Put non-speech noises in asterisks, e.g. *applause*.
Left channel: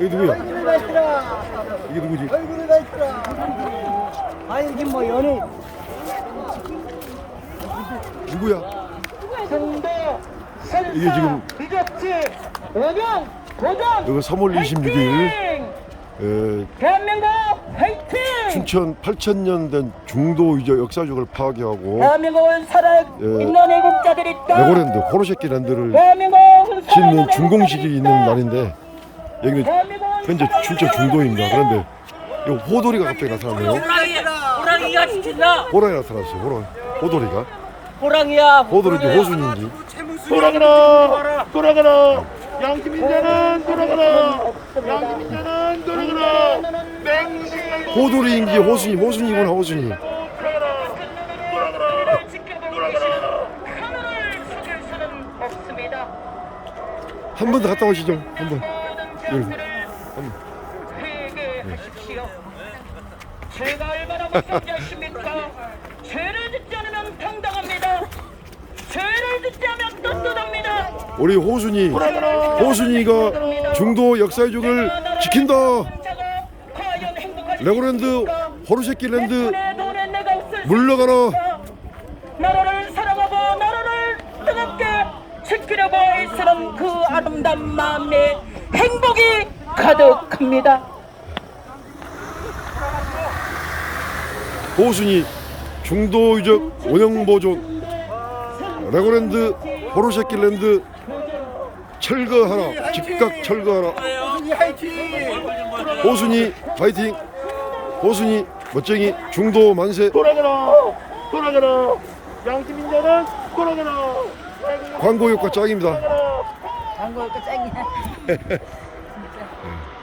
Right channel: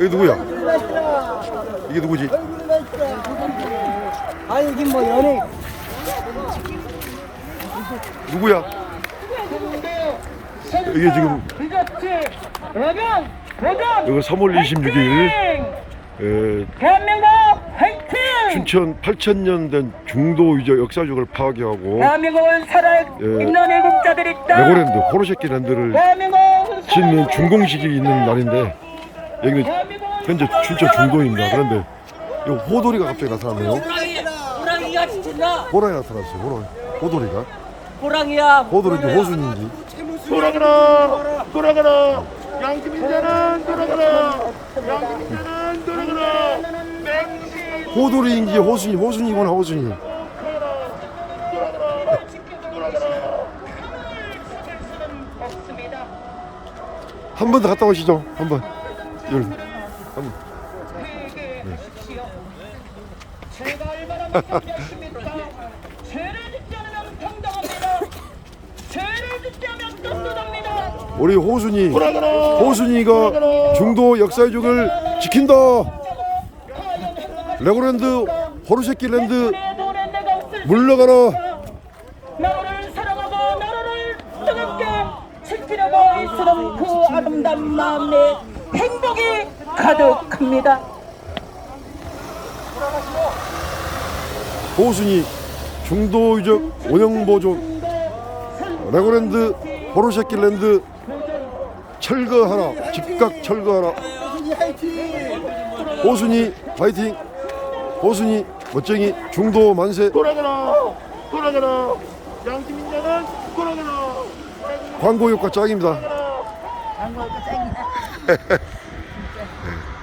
이게 누구야? 이게 누구지? 아 이게 뭐 연예인 누구야? 이게 지금 이거 3월 26일 에, 대한민국 화이팅 춘천 8천년 된 중도 유적 역사적을 파괴하고 대한민국을 살아 예. 있는 애국자들이 있다 레고랜드 호로새끼 랜드를 짓는 준공식이 있는 날인데 여기는 현재 춘천 중도입니다. 그런데 이 호돌이가 갑자기 나타났네요. 호랑이, 호랑이가 지킨다. 호랑이 나타났어요. 호랑이. 호돌이가. 호랑이야. 호돌인지 호순인지. 돌아가라 돌아가라 양심인자는 돌아가라 양심인자는 돌아가라 호돌이인지 호순이 호순이구나 호순이. 돌아가라 돌아가라 한 번 더 갔다 오시죠. 한 번. 여기. 한 번. 제가 얼마나 못하겠습니까 죄를 짓지 않으면 평등합니다 죄를 짓지 않으면 떳떳합니다 우리 호순이 호순이가 중도 역사유적을 지킨다. 레고랜드 호루새끼 랜드 내 돈에 내가 없을 물러가라. 나라를 사랑하고 나라를 뜨겁게 지키려고 애쓰는 그 아름다운 마음에 행복이 가득합니다. 호순이 중도 유적 운영 보존 레고랜드 호루새끼 랜드 철거하라. 즉각 철거하라. 호순이 파이팅. 호순이 멋쟁이 중도 만세. 돌아가라 돌아가라 양심인자는 돌아가라 광고 효과 짱입니다. *laughs* Yeah.